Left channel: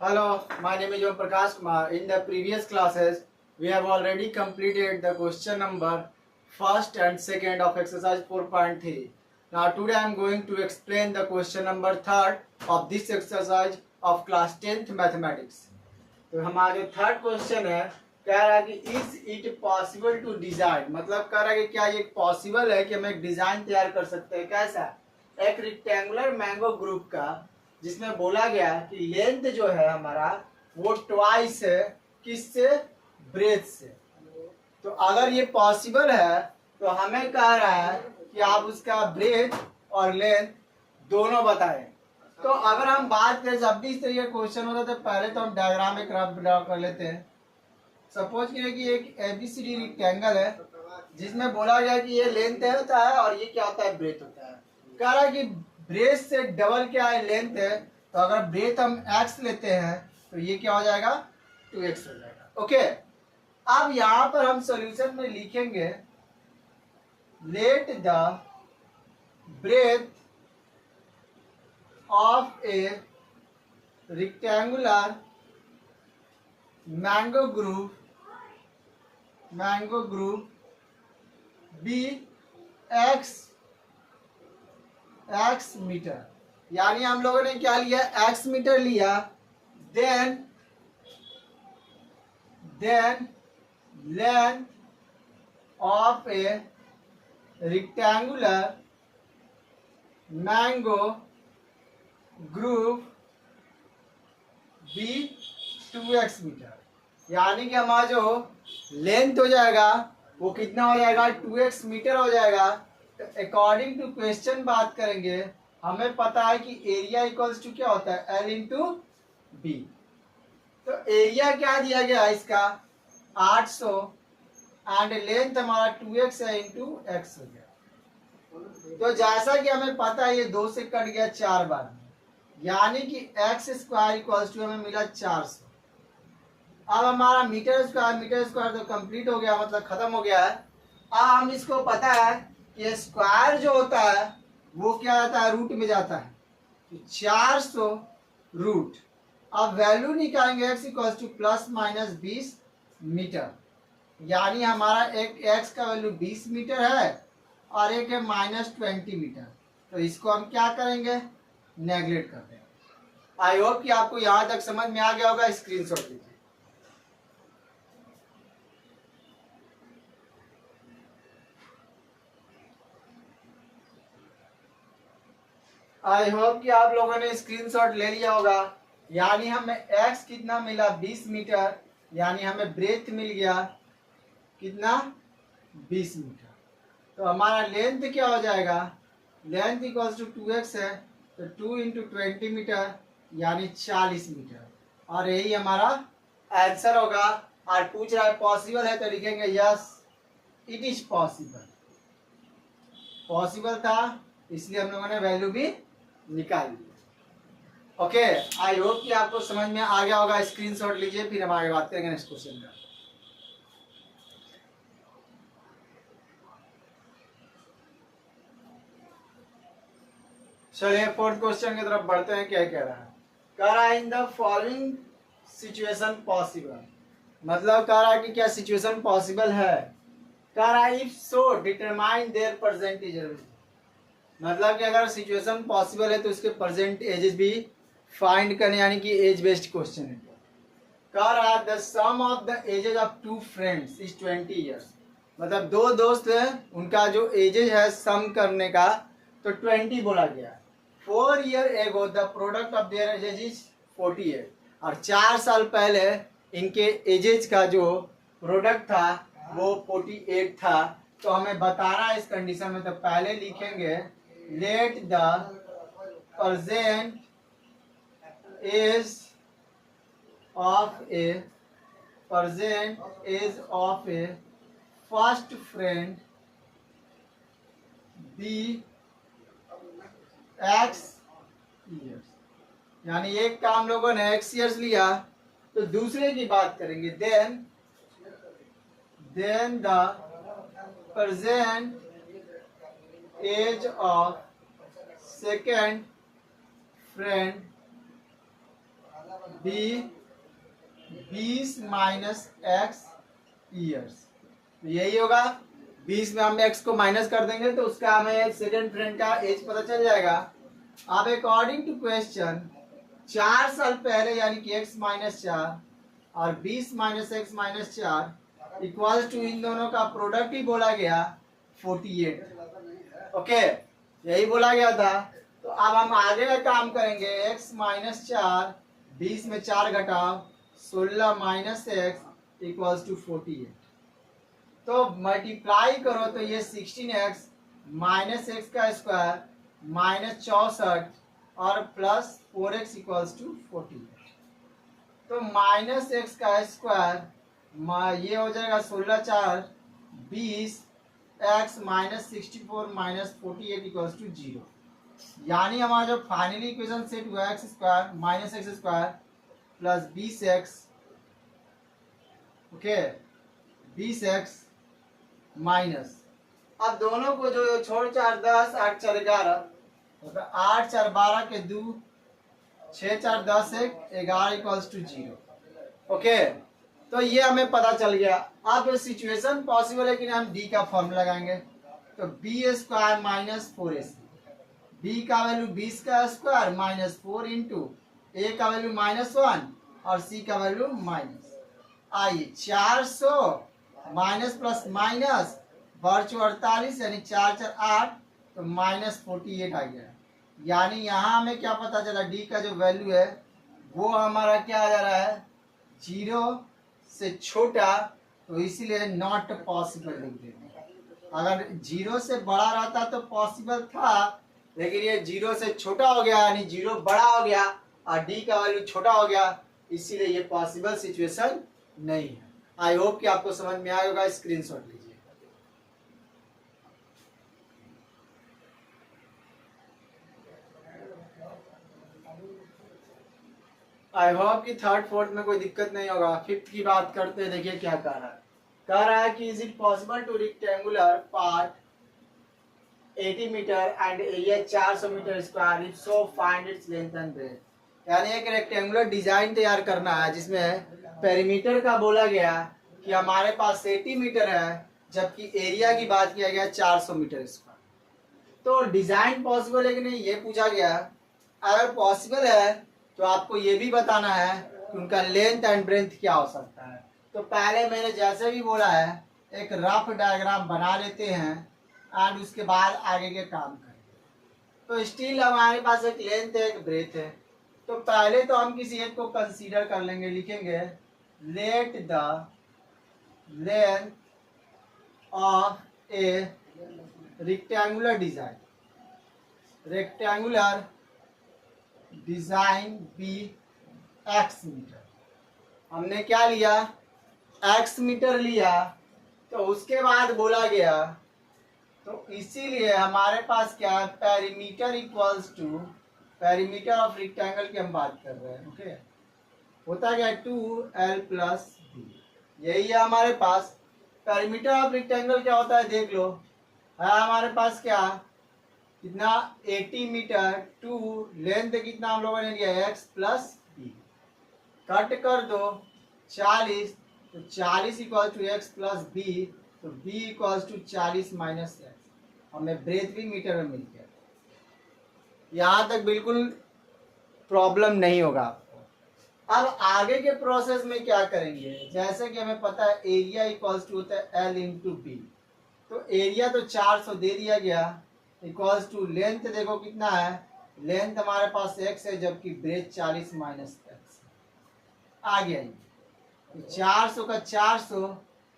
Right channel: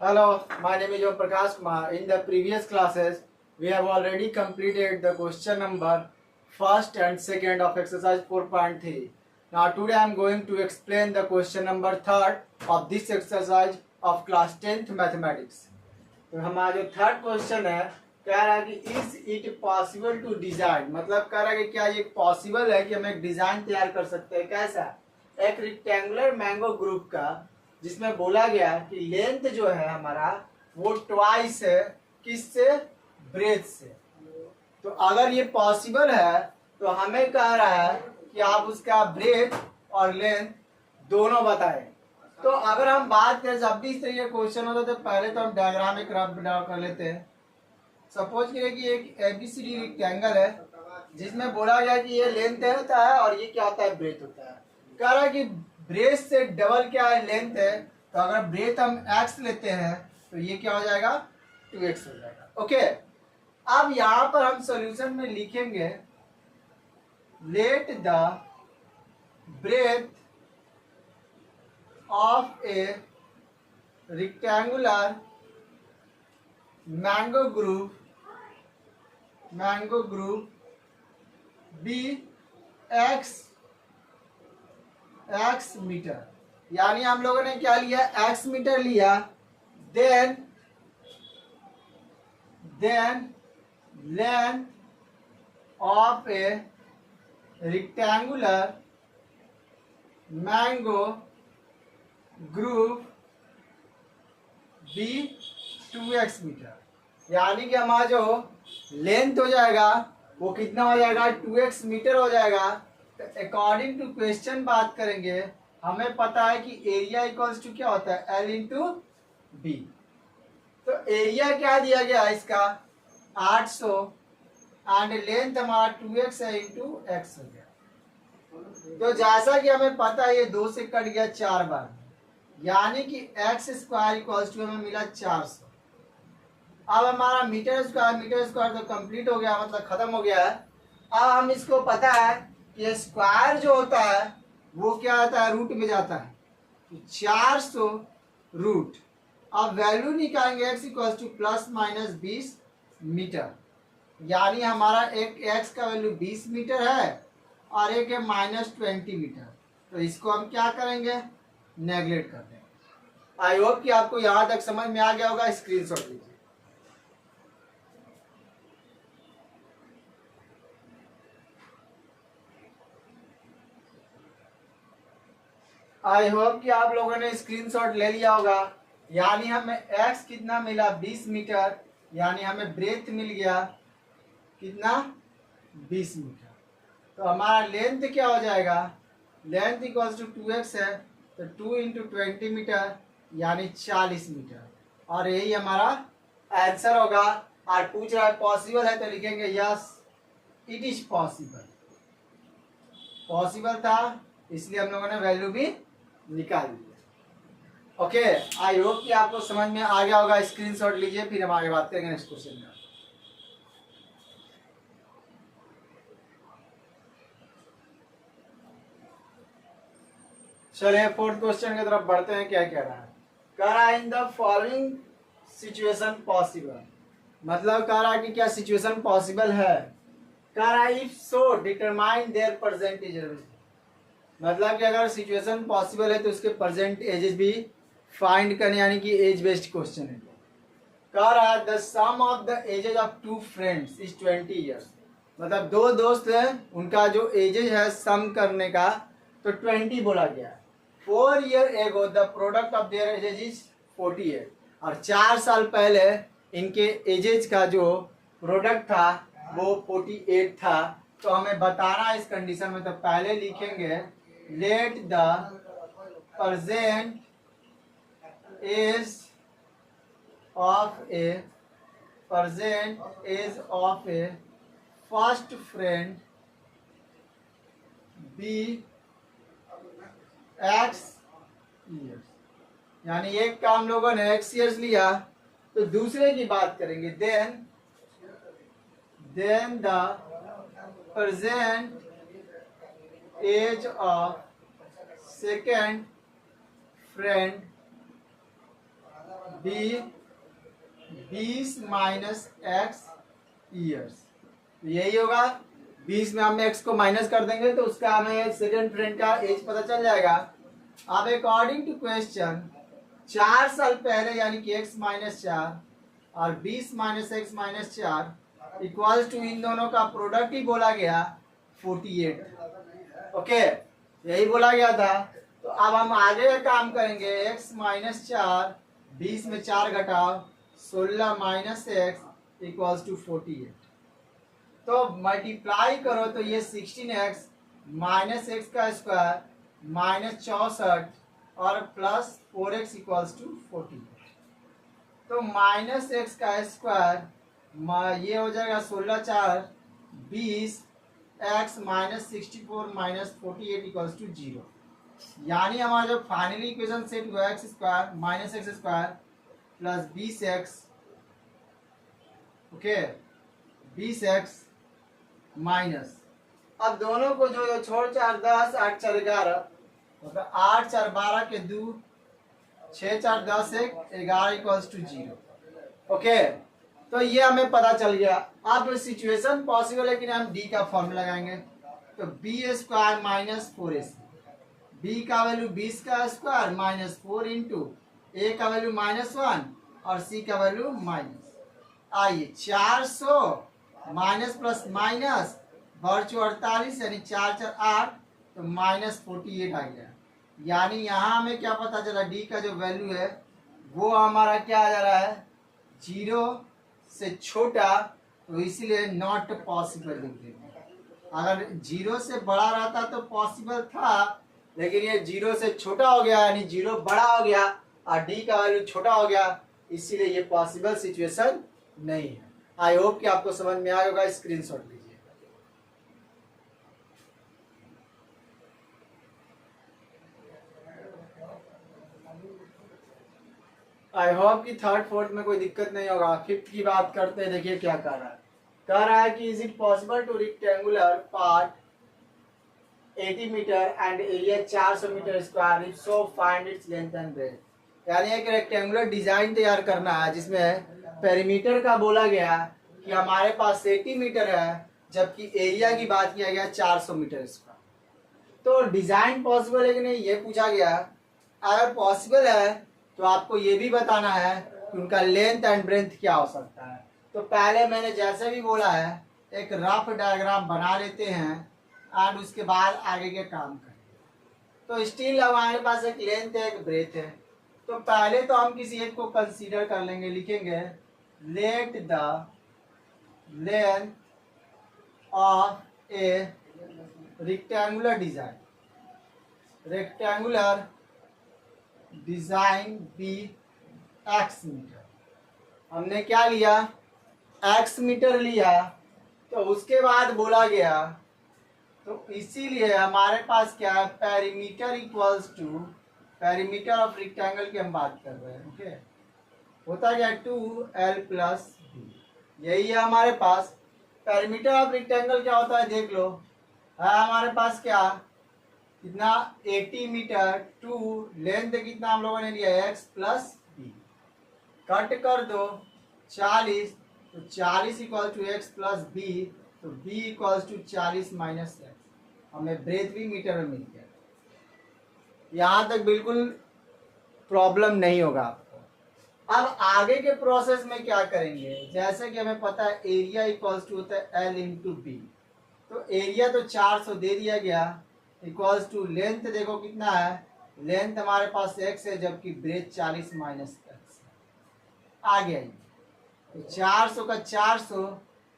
Hello, my name is Om Prakash Kumar. In the previous classes, we have already completed the question number first and second of exercise 4.3. Now today I am going to explain the question number third of this exercise of class 10th mathematics. तो हमारा जो third question है कह रहा है कि is it possible to design, मतलब कह रहा है कि क्या ये पॉसिबल है कि हम एक डिजाइन तैयार कर सकते हैं। कैसा? एक रेक्टेंगुलर मैंगो ग्रुप का जिसमें बोला गया कि लेंथ जो है हमारा वो ट्वाइस है किससे? ब्रेथ से। तो अगर ये पॉसिबल है तो हमें कह रहा है कि आप उसका ब्रेथ और लेंथ दोनों बताएं। तो अगर हम बात करें जब भी इस तरह का क्वेश्चन होता है तो पहले तो हम डायग्राम एक रफ ड्रा कर लेते हैं। सपोज करिए कि एक एबीसीडी रेक्टेंगल है जिसमें बोला गया कि ये लेंथ होता है और ये क्या होता है? ब्रेथ होता है। कह रहा है कि ब्रेथ से डबल क्या है? लेंथ है। तो अगर ब्रेथ हम x लेते हैं तो ये क्या हो जाएगा? 2x हो जाएगा। ओके, अब यहां पर हम सॉल्यूशन में लिखेंगे let the breadth of a rectangular mango group be x metre. यानी हम लोगों ने क्या लिया? x मीटर लिया। Then length of a rectangular mango group be 2x metre. यानी कि हमारा जो लेंथ हो जाएगा वो कितना हो जाएगा? 2x मीटर हो जाएगा। तो अकॉर्डिंग टू क्वेश्चन बात करेंगे, हमें पता है कि एरिया इक्वल्स टू क्या होता है? L into B. तो एरिया क्या दिया गया है इसका? 800 एंड लेंथ हमारा 2x है इंटू x हो गया। तो जैसा कि हमें पता है ये 2 से कट गया 4 बार, यानी कि x स्क्वायर इक्वल्स टू हमें मिला 400। अब हमारा मीटर स्क्वायर तो कंप्लीट हो गया, मतलब खत्म हो गया है। अब हम इसको पता है कि स्क्वायर जो होता है वो क्या आता है? रूट में जाता है। तो 400 रूट। अब वैल्यू निकालेंगे x equals to plus minus 20 metre. यानी हमारा एक x का वैल्यू 20 मीटर है और एक है -20 मीटर। तो इसको हम क्या करेंगे? नेगलेक्ट कर देंगे। आई होप कि आपको यहां तक समझ में आ गया होगा। स्क्रीनशॉट लीजिए। आई होप कि आप लोगों ने स्क्रीनशॉट ले लिया होगा। यानी हमें x कितना मिला? 20 मीटर। यानी हमें ब्रेथ मिल गया कितना? 20 मीटर। तो हमारा लेंथ क्या हो जाएगा? लेंथ इक्वल्स टू 2x है तो 2 इंटू 20 मीटर यानी 40 मीटर। और यही हमारा आंसर होगा। और पूछ रहा है पॉसिबल है तो लिखेंगे yes it is possible. Possible था इसलिए हम लोगों ने वैल्यू भी निकाल लिया। ओके, आई होप कि आपको समझ में आ गया होगा। स्क्रीनशॉट लीजिए, फिर हम आगे बात करेंगे नेक्स्ट क्वेश्चन का। चलिए फोर्थ क्वेश्चन की तरफ बढ़ते हैं। क्या कह रहा है? कह रहा है in the following situation possible, मतलब कह रहा है कि क्या सिचुएशन पॉसिबल है। कह रहा है if so determine there percentage, मतलब कि अगर सिचुएशन पॉसिबल है तो उसके परसेंट एजेस भी फाइंड करने, यानी कि एज बेस्ड क्वेश्चन है। कह रहा है the sum of the ages of 2 friends is 20 years, मतलब 2 दोस्त हैं उनका जो एजेस है सम करने का तो 20 बोला गया। 4 year ago the product of their edges is 48, और 4 साल पहले इनके एजेस का जो प्रोडक्ट था वो 48 था। तो हमें बताना है इस कंडीशन में। तो पहले लिखेंगे let the present age of a first friend be x years. यानी एक का हम लोगों ने x ईयर्स लिया तो दूसरे की बात करेंगे। Then the present age of second friend be 20 minus X years, यही होगा। 20 में हम एक्स को माइनस कर देंगे तो उसका हमें सेकंड फ्रेंड का एज पता चल जाएगा। अब अकॉर्डिंग टू क्वेश्चन 4 साल पहले यानी कि x माइनस 4 और 20 minus x minus 4 equals to इन दोनों का प्रोडक्ट ही बोला गया 48। ओके, यही बोला गया था। तो अब हम आगे का काम करेंगे। x माइनस 4, 20 में 4 घटाओ 16 माइनस एक्स इक्वल्स टू 48। तो मल्टीप्लाई करो तो ये 16x माइनस एक्स का स्क्वायर माइनस 64 और प्लस 4x इक्वल्स टू 48। तो माइनस एक्स का स्क्वायर ये हो जाएगा 16 4 20 x minus 64 minus 48 equals to 0। यानी हमारा जो फाइनली इक्वेशन सेट हुआ X square minus X square plus 20x, okay 20x minus, अब दोनों को जो छोड़ 4 10 8 4 11 तो 8 4 12 के 2 6 4 10 1 11 इक्वल्स टू 0। ओके, तो ये हमें पता चल गया। अब सिचुएशन पॉसिबल है कि हम डी का फॉर्मूला लगाएंगे। तो B square minus 4ac, B का वैल्यू 20 का स्क्वायर माइनस 4 इंटू ए का वैल्यू -1 और सी का वैल्यू माइनस। आइए 400 माइनस प्लस माइनस वर्चू 48 यानी 4 4 8 तो माइनस 48 आ गया। यानी यहाँ हमें क्या पता चला, डी का जो वैल्यू है वो हमारा क्या आ जा रहा है 0 से छोटा, तो इसीलिए नॉट पॉसिबल लिख देंगे। अगर 0 से बड़ा रहता तो पॉसिबल था, लेकिन ये 0 से छोटा हो गया यानी 0 बड़ा हो गया और डी का वैल्यू छोटा हो गया, इसीलिए ये पॉसिबल सिचुएशन नहीं है। आई होप कि आपको समझ में आ गया। स्क्रीनशॉट लीजिए। आई होप कि थर्ड फोर्थ में कोई दिक्कत नहीं होगा। फिफ्थ की बात करते हैं, देखिए क्या कह रहा है। कह रहा है कि is it possible to rectangular part 80 metre and area 400 metre square, if so find its length and breadth. यानी एक रेक्टेंगुलर डिजाइन तैयार करना है जिसमें पेरीमीटर का बोला गया कि हमारे पास 80 मीटर है, जबकि एरिया की बात किया गया 400 मीटर स्क्वायर। तो डिजाइन पॉसिबल है कि नहीं ये पूछा गया। अगर पॉसिबल है तो आपको ये भी बताना है कि उनका लेंथ एंड ब्रेथ क्या हो सकता है। तो पहले मैंने जैसे भी बोला है एक रफ डायग्राम बना लेते हैं एंड उसके बाद आगे के काम करेंगे। तो स्टिल हमारे पास एक लेंथ है एक ब्रेथ है। तो पहले तो हम किसी एक को कंसीडर कर लेंगे, लिखेंगे let the length of a rectangular design be X metre. हमने क्या लिया एक्स मीटर लिया। तो उसके बाद बोला गया, तो इसीलिए हमारे पास क्या perimeter equals to perimeter of rectangle की हम बात कर रहे हैं। ओके, होता क्या 2l प्लस बी, यही है हमारे पास। पेरीमीटर ऑफ रेक्टेंगल क्या होता है देख लो, है हमारे पास क्या कितना 80 मीटर टू लेंथ कितना हम लोगों ने लिया x प्लस बी, कट कर दो 40, तो 40 equal to X plus B, तो b equals to 40 minus X. हमें ब्रेथ भी मीटर में मिल गया। यहाँ तक बिल्कुल प्रॉब्लम नहीं होगा आपको। अब आगे के प्रोसेस में क्या करेंगे, जैसे कि हमें पता है एरिया इक्वल्स टू होता है l इंटू बी। तो एरिया तो 400 दे दिया गया, इक्वल्स टू लेंथ देखो कितना है, लेंथ हमारे पास x है जबकि ब्रेथ 40 माइनस एक्स आ गया। तो 400 का 400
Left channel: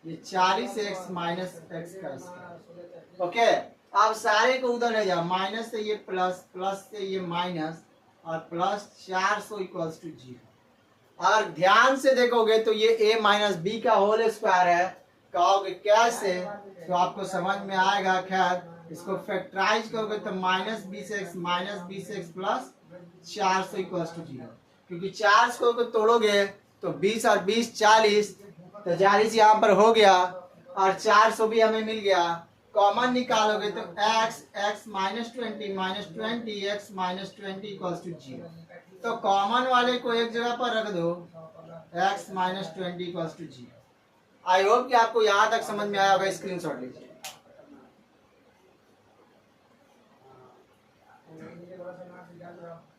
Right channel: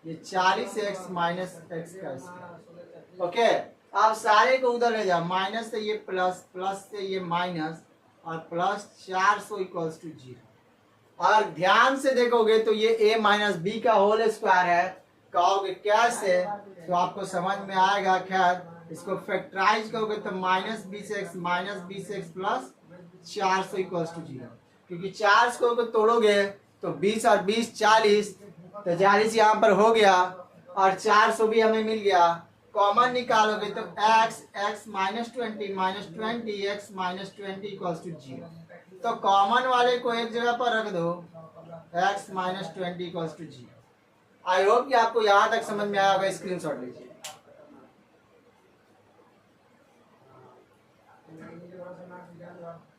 ये 40x माइनस एक्स का स्क्वायर। ओके, आप सारे को उधर ले जाओ, माइनस से ये प्लस, प्लस से ये माइनस और प्लस 400 इक्वल्स टू 0। अगर ध्यान से देखोगे तो ये a माइनस बी का होल स्क्वायर है। कहोगे कैसे, तो आपको समझ में आएगा। खैर इसको फैक्टराइज करोगे तो minus 20x plus 400 equals to 0, क्योंकि 400 को तोड़ोगे तो 20 और 20 40, तो 40 यहाँ पर हो गया और 400 भी हमें मिल गया। कॉमन निकालोगे तो x minus 20 x minus 20 equals to 0। तो कॉमन वाले को एक जगह पर रख दो, x minus 20 equals to 0। I hope कि आपको यहां तक समझ में आया होगा। स्क्रीनशॉट लीजिए।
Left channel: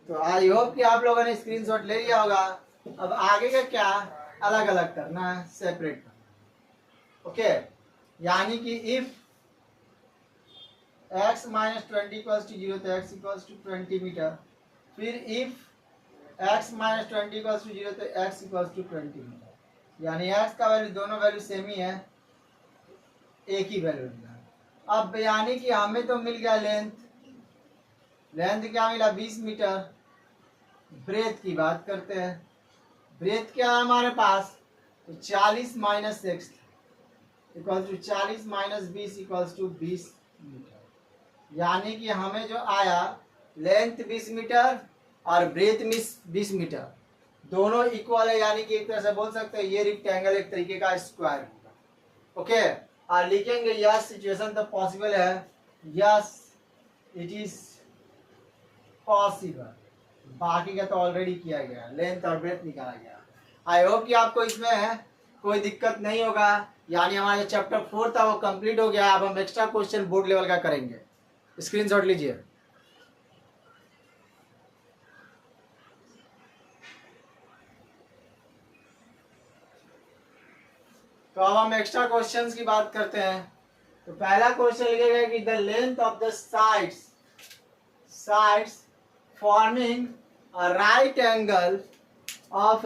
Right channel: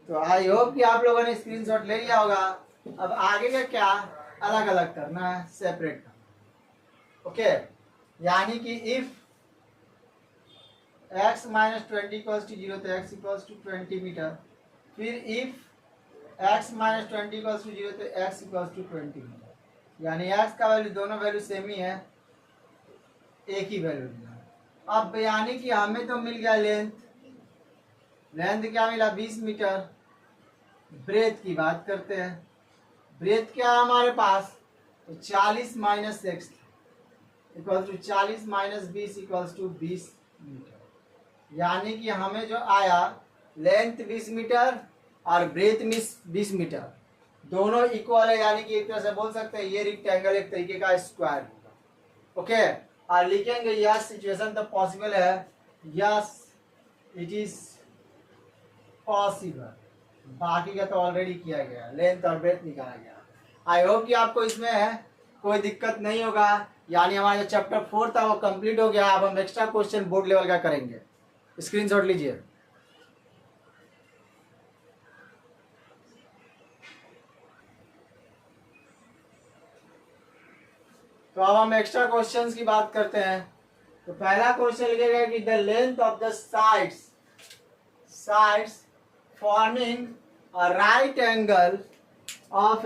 तो आई होप कि आप लोगों ने स्क्रीनशॉट ले लिया होगा। अब आगे का क्या, अलग अलग करना है, सेपरेट करना। ओके, यानी कि if x minus 20 equals to 0 तो x इक्वल्स टू 20 मीटर। फिर if x minus 20 equals to 0 तो x इक्वल्स टू 20 मीटर। यानी x का वैल्यू, दोनों वैल्यू सेम ही है, एक ही वैल्यू दिया। अब यानी कि हमें तो मिल गया लेंथ क्या मिला, 20 मीटर। ब्रेथ की बात करते हैं। ब्रेथ क्या है हमारे पास, तो 40 minus X equals to 40 minus 20 equals to 20 metre. यानी कि हमें जो आया लेंथ 20 मीटर और ब्रेथ 20 मीटर, दोनों इक्वल है। यानी कि एक तरह से बोल सकते हैं ये रेक्टेंगल एक तरीके का स्क्वायर होगा। ओके, और लिखेंगे यस सिचुएशन तो पॉसिबल है, यस इट इज पॉसिबल। बाकी का तो ऑलरेडी किया गया, लेंथ और ब्रेथ निकाला गया। आई होप कि आपको इसमें कोई दिक्कत नहीं होगा। यानी हमारा जो चैप्टर 4 था वो कंप्लीट हो गया। अब हम एक्स्ट्रा क्वेश्चन बोर्ड लेवल का करेंगे। स्क्रीनशॉट लीजिए। तो अब हम एक्स्ट्रा क्वेश्चंस की बात करते हैं। तो पहला क्वेश्चन लिखेगा कि the length of the sides forming a right angle of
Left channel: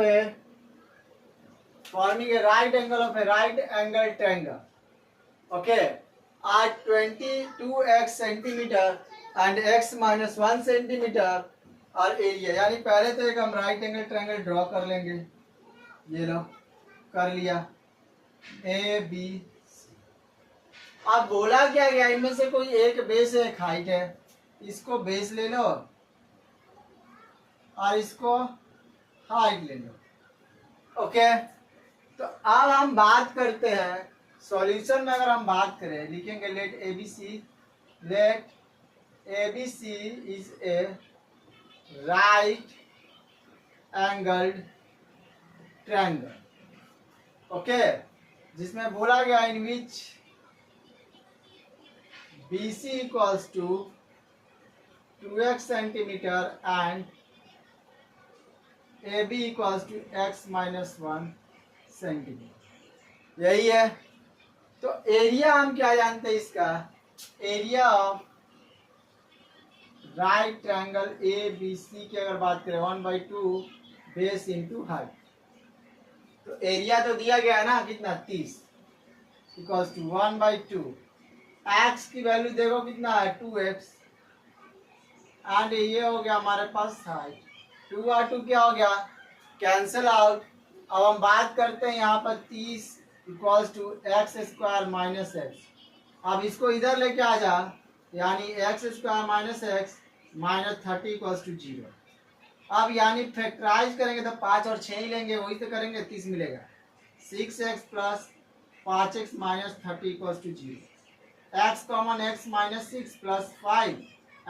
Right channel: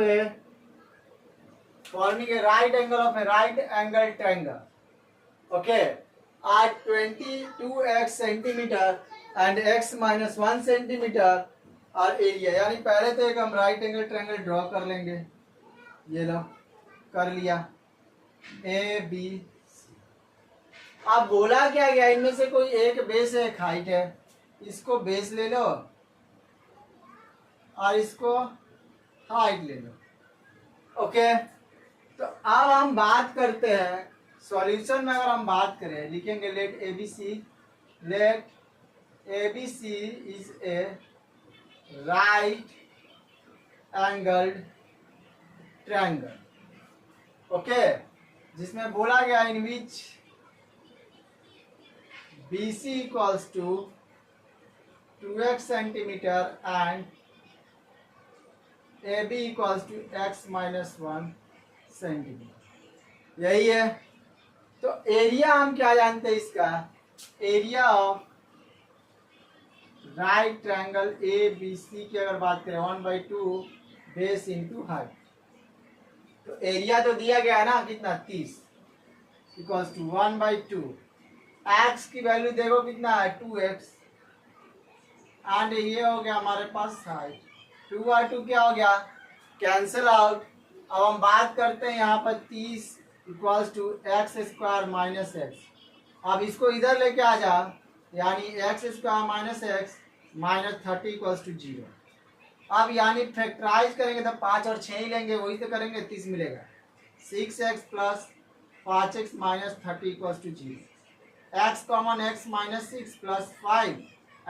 a right angle triangle, okay, at 22x centimeter and x minus 1 centimeter और एरिया। यानी पहले तो एक हम राइट एंगल ट्रायंगल ड्रॉ कर लेंगे। ये लो, कर लिया, ए बी। अब बोला क्या गया, इनमें से कोई एक बेस है, एक हाइट है। इसको बेस ले लो और इसको हाइट ले लो। ओके, तो अब हम बात करते हैं सॉल्यूशन में। अगर हम बात करें, लिखेंगे let A B C is a right angled triangle. Okay, जिसमें बोला गया in which B C equals to 2x centimetre and A B equals to x minus 1 centimetre. यही है। तो एरिया हम क्या जानते हैं इसका, area of right triangle A B C की अगर बात करें 1/2 बेस इंटू हाइट। तो एरिया तो दिया गया है ना, कितना, 30 इक्वल्स टू 1/2। एक्स की वैल्यू देखो कितना है, 2x, एंड ये हो गया हमारे पास हाइट। 2 और 2 क्या हो गया, कैंसल आउट। अब हम बात करते हैं यहाँ पर 30 equals to X square minus X. अब इसको इधर लेके आ जा, यानी X square minus x minus 30 equals to 0। अब यानी फैक्टराइज करेंगे तो 5 और 6 ही लेंगे, वही तो करेंगे, 30 मिलेगा। 6x plus 5x minus 30 equals to 0। X common, X minus 6 plus 5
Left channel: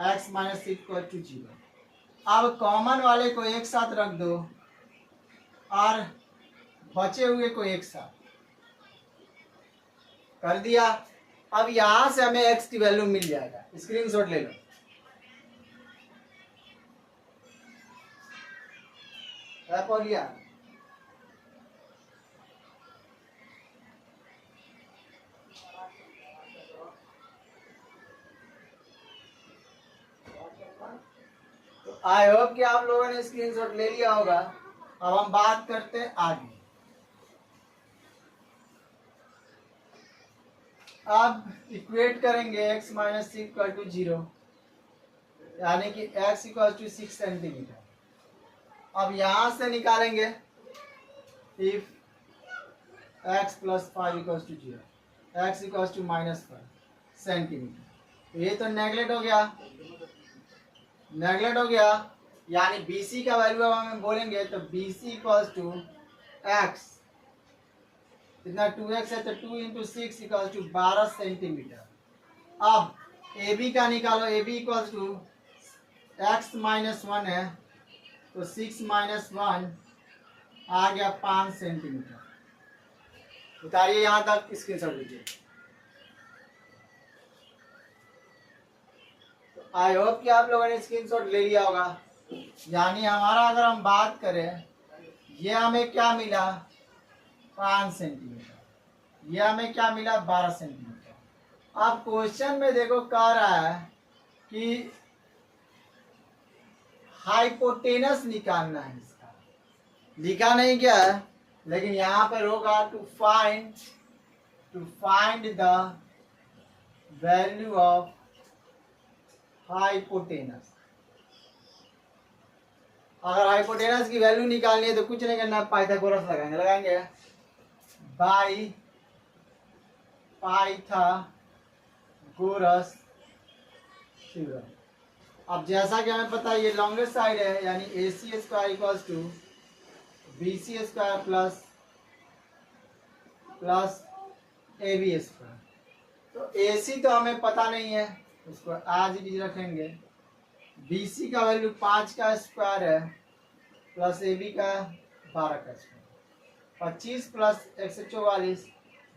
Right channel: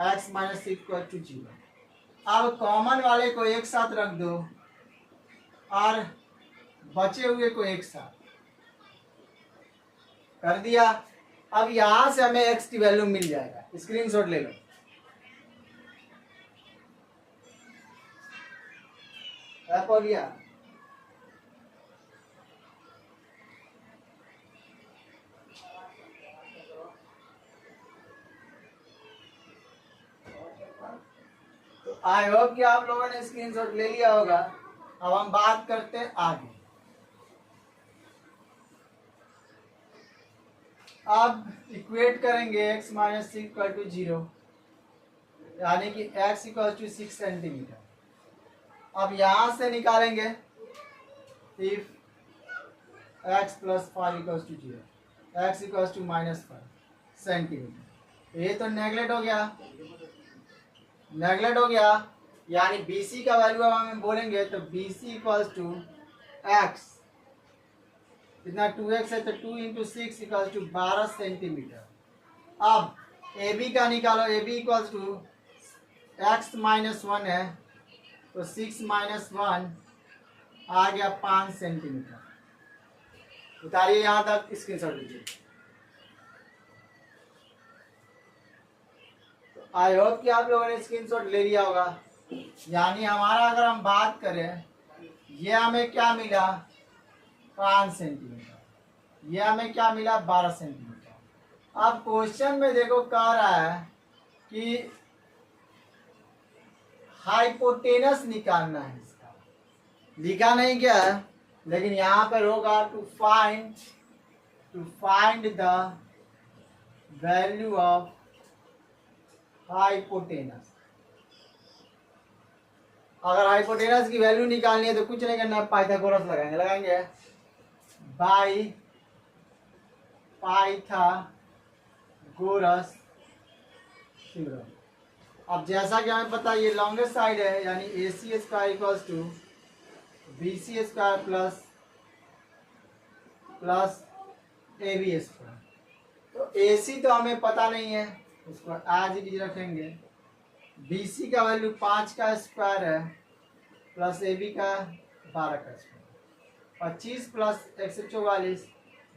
X minus 6 equals to 0। अब कॉमन वाले को एक साथ रख दो और बचे हुए को एक साथ कर दिया। अब यहां से हमें x की वैल्यू मिल जाएगा। स्क्रीनशॉट ले लो। हो गया। तो आई होप कि आप लोगों ने स्क्रीनशॉट ले लिया होगा। अब हम बात करते हैं आगे। अब इक्वेट करेंगे x माइनस 6 इक्वल टू 0, यानी कि x इक्वल टू 6 सेंटीमीटर। अब यहां से निकालेंगे if x plus 5 equal to 0, x equal to minus 5 centimetre. ये तो नेगलेक्ट हो गया, यानी BC का वैल्यू अब हम बोलेंगे तो BC इक्वल्स टू x, इतना 2x है तो 2 इंटू 6 इक्वल्स टू 12 सेंटीमीटर। अब ए बी का निकालो, A B equals to X minus 1 है तो 6 माइनस 1 आ गया 5 सेंटीमीटर। उतारिए यहाँ तक, स्क्रीनशॉट लीजिए। आई होप कि आप लोगों ने स्क्रीनशॉट ले लिया होगा। यानी हमारा अगर हम बात करें, ये हमें क्या मिला 5 सेंटीमीटर, ये हमें क्या मिला 12 सेंटीमीटर। अब क्वेश्चन में देखो कह रहा है कि हाइपोटेनस निकालना है इसका, लिखा नहीं क्या है, लेकिन यहाँ पर होगा to find the value of hypotenuse. अगर हाइपोटेनस की वैल्यू निकालनी है तो कुछ नहीं करना, पाइथागोरस लगाएंगे बाई पाइथागोरस थ्योरम। अब जैसा कि हमें पता है ये लॉन्गेस्ट साइड है, यानी A C square equals to B C square plus A B square. तो ए सी तो हमें पता नहीं है, उसको आज ही रखेंगे। बी सी का वैल्यू 5 का स्क्वायर है प्लस ए बी का 12 का स्क्वायर, 25 प्लस 144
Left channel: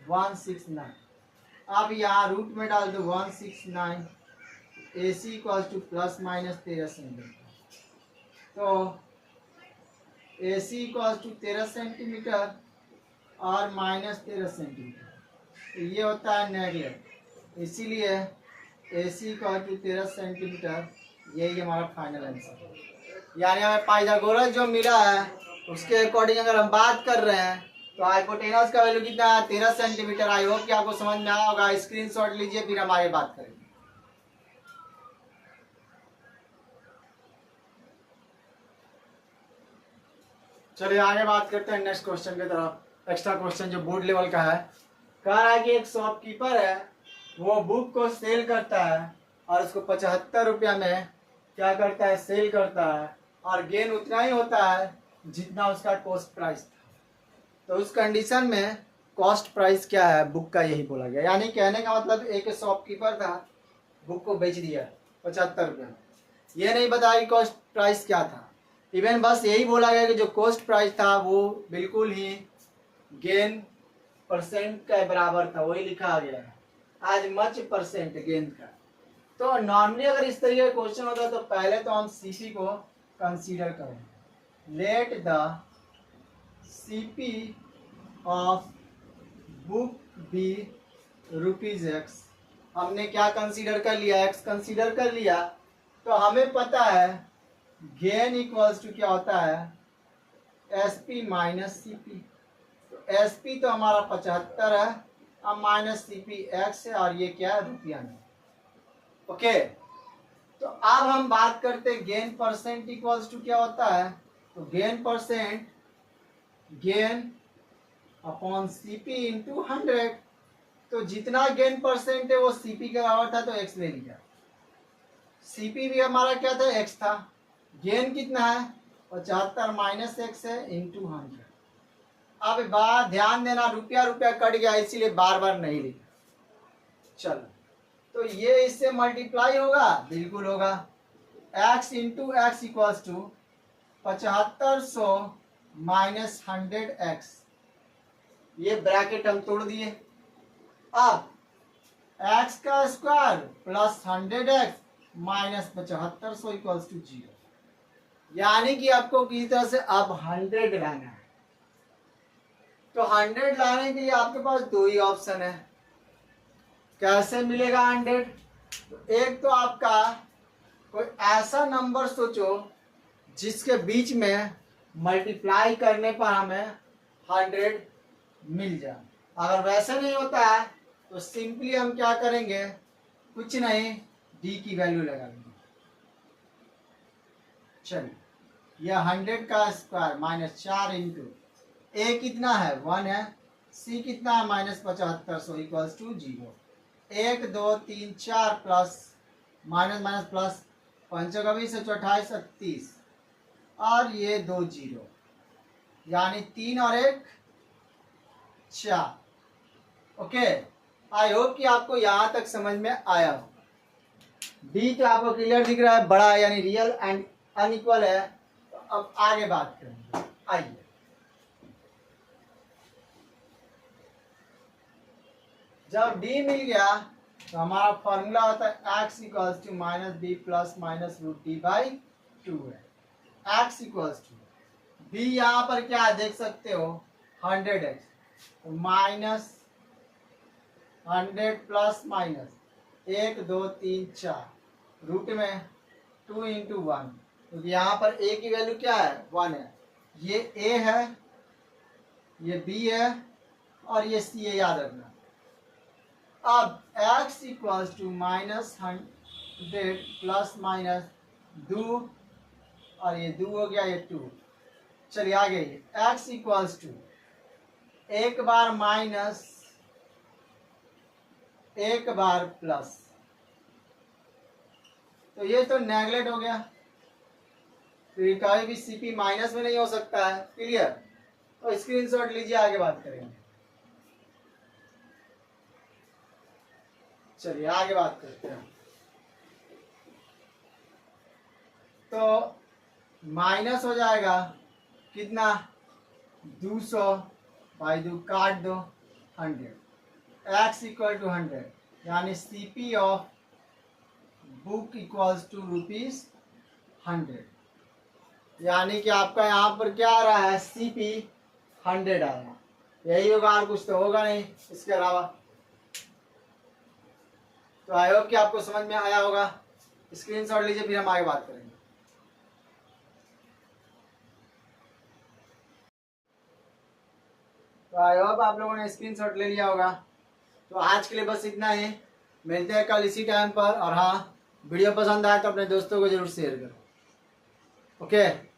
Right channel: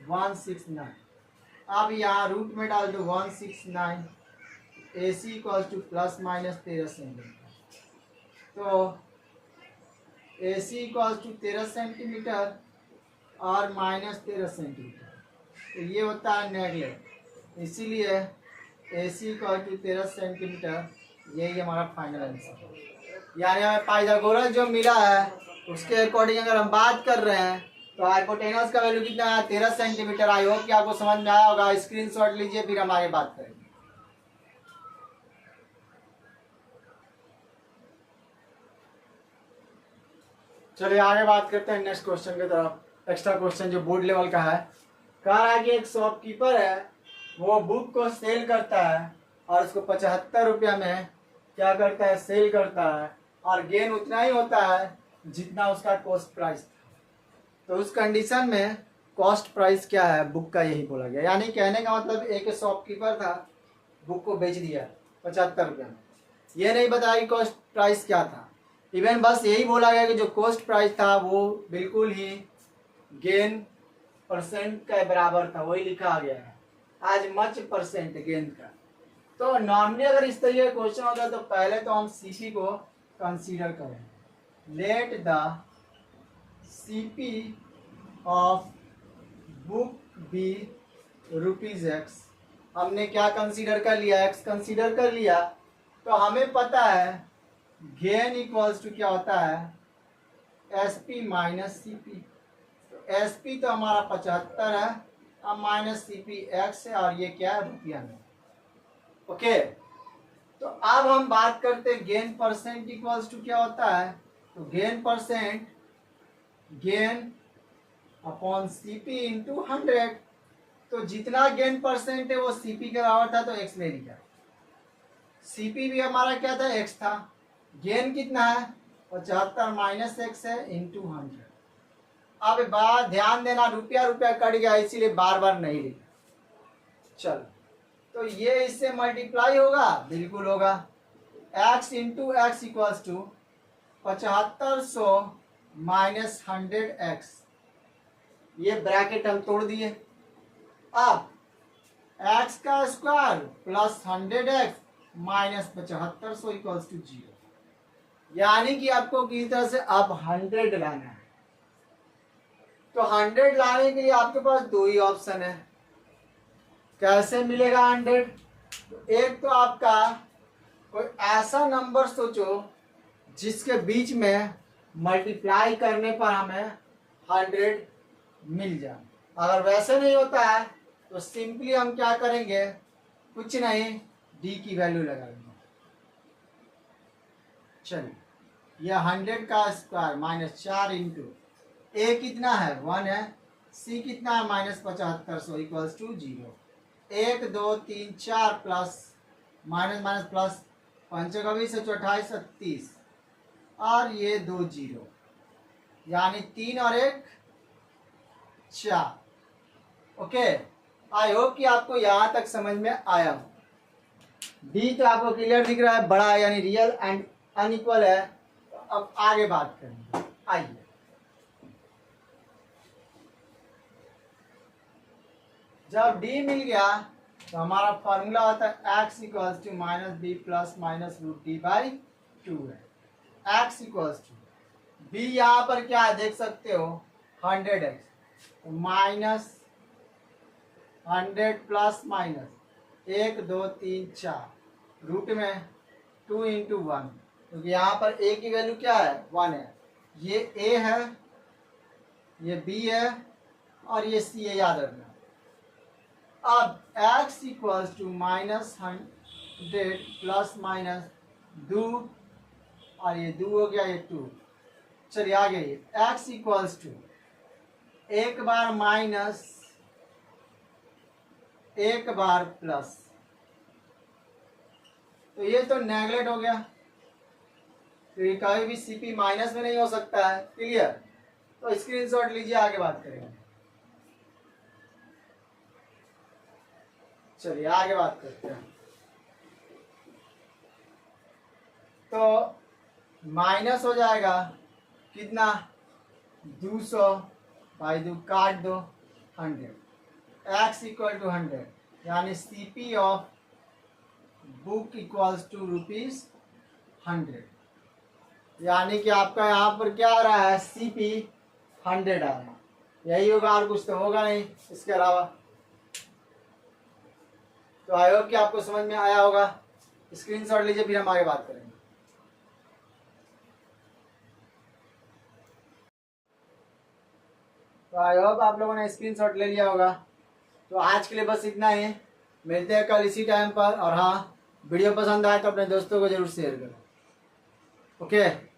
169। अब यहाँ रूट में डाल दो 169, A C equal to plus minus 13 centimetre. तो A C equal to 13 centimetre और माइनस 13 सेंटीमीटर, तो ये होता है नेगलेक्ट, इसीलिए A C equal to 13 centimetre, यही हमारा फाइनल आंसर है। यानी हमें पाइथागोरस जो मिला है उसके अकॉर्डिंग अगर हम बात कर रहे हैं तो हाइपोटेनस का वैल्यू कितना है 13 सेंटीमीटर। आई होप कि आपको समझ में आया होगा। स्क्रीनशॉट लीजिए, फिर हम आगे बात करेंगे। चलिए आगे बात करते हैं नेक्स्ट क्वेश्चन की तरफ। एक्स्ट्रा क्वेश्चन जो बोर्ड लेवल का है, कह रहा है कि एक शॉपकीपर है, वो बुक को सेल करता है और उसको 75 रुपया में क्या करता है, सेल करता है, और गेन उतना ही होता है जितना उसका कॉस्ट प्राइस था। तो उस कंडीशन में कॉस्ट प्राइस क्या है बुक का, यही बोला गया। यानी कहने का मतलब एक शॉपकीपर था, बुक को बेच दिया 75 रुपया में, ये नहीं बताया कि कॉस्ट प्राइस क्या था। इवन बस यही बोला गया कि जो कॉस्ट प्राइस था वो बिल्कुल ही गेन परसेंट के बराबर था, वही लिखा गया है, आज मच परसेंट गेन का। तो नॉर्मली अगर इस तरीके का क्वेश्चन होता है तो पहले तो हम सीपी को कंसीडर करेंगे। Let the CP of book be ₹X। हमने क्या कंसीडर कर लिया, एक्स कंसीडर कर लिया। तो हमें पता है गेन इक्वल्स टू क्या होता है, एसपी माइनस सीपी। तो एसपी तो हमारा 75 है, अब माइनस सीपी एक्स है, और ये क्या है रुपया में। ओके, तो अब हम बात करते हैं गेन परसेंट इक्वल्स टू क्या होता है। तो gain percent, gain upon CP into 100। तो जितना गेन परसेंट है वो सीपी के बराबर था, तो एक्स ले लिया। सीपी भी हमारा क्या था, एक्स था। गेन कितना है 75 माइनस एक्स है इंटू 100। अब बात ध्यान देना, रुपया रुपया कट गया, इसीलिए बार बार नहीं लिखा। चलो, तो ये इससे मल्टीप्लाई होगा, बिल्कुल होगा। x into X equals to 7500 minus 100x। ये ब्रैकेट हम तोड़ दिए। अब x का square plus 100x minus 7500 equals to 0। यानी कि आपको किसी तरह से अब 100 लाना है। तो 100 लाने के लिए आपके पास दो ही ऑप्शन है। कैसे मिलेगा 100? तो एक तो आपका कोई ऐसा नंबर सोचो जिसके बीच में मल्टीप्लाई करने पर हमें 100 मिल जाए। अगर वैसे नहीं होता है तो सिंपली हम क्या करेंगे, कुछ नहीं, डी की वैल्यू लगाएंगे। चलिए, यह 100 का स्क्वायर माइनस 4 इंटू ए कितना है 1 है, सी कितना है minus 7500 equals to 0। 1 2 3 4 plus minus minus plus, 5 का 20 है 28 30, और ये 2 0, यानी 3 और 1 4। ओके, आई होप कि आपको यहाँ तक समझ में आया हो। डी तो आपको क्लियर दिख रहा है, बड़ा है यानी रियल एंड अनइक्वल है। तो अब आगे बात करेंगे, आइए। जब डी मिल गया तो हमारा फॉर्मूला होता है x equals to minus B plus minus root D by 2 है। x इक्वल्स टू बी, यहाँ पर क्या है देख सकते हो 100x, तो माइनस 100 प्लस माइनस 1 2 3 4 रूट में 2 इंटू 1, क्योंकि यहाँ पर a की वैल्यू क्या है 1 है। ये a है, ये b है और ये c है, याद रखना। अब x equals to minus 100 plus minus 2 और ये 2 हो गया, ये 2। चलिए आगे, x इक्वल्स टू एक बार माइनस एक बार प्लस, तो ये तो नेगलेक्ट हो गया, तो ये कभी भी सीपी माइनस में नहीं हो सकता है। क्लियर? तो स्क्रीनशॉट लीजिए, आगे बात करेंगे। चलिए आगे बात करते हैं। तो माइनस हो जाएगा कितना 200 बाई 2 काट दो 100, x इक्वल टू 100, यानी CP of book equals to ₹100, यानी कि आपका यहाँ पर क्या आ रहा है सीपी 100 आ रहा है। यही होगा, और कुछ तो होगा नहीं इसके अलावा। तो आई होप कि आपको समझ में आया होगा। स्क्रीनशॉट लीजिए, फिर हम आगे बात करेंगे। तो आई होप आप लोगों ने स्क्रीनशॉट ले लिया होगा। तो आज के लिए बस इतना ही, मिलते हैं कल इसी टाइम पर। और हाँ, वीडियो पसंद आए तो अपने दोस्तों को जरूर शेयर करो। ओके।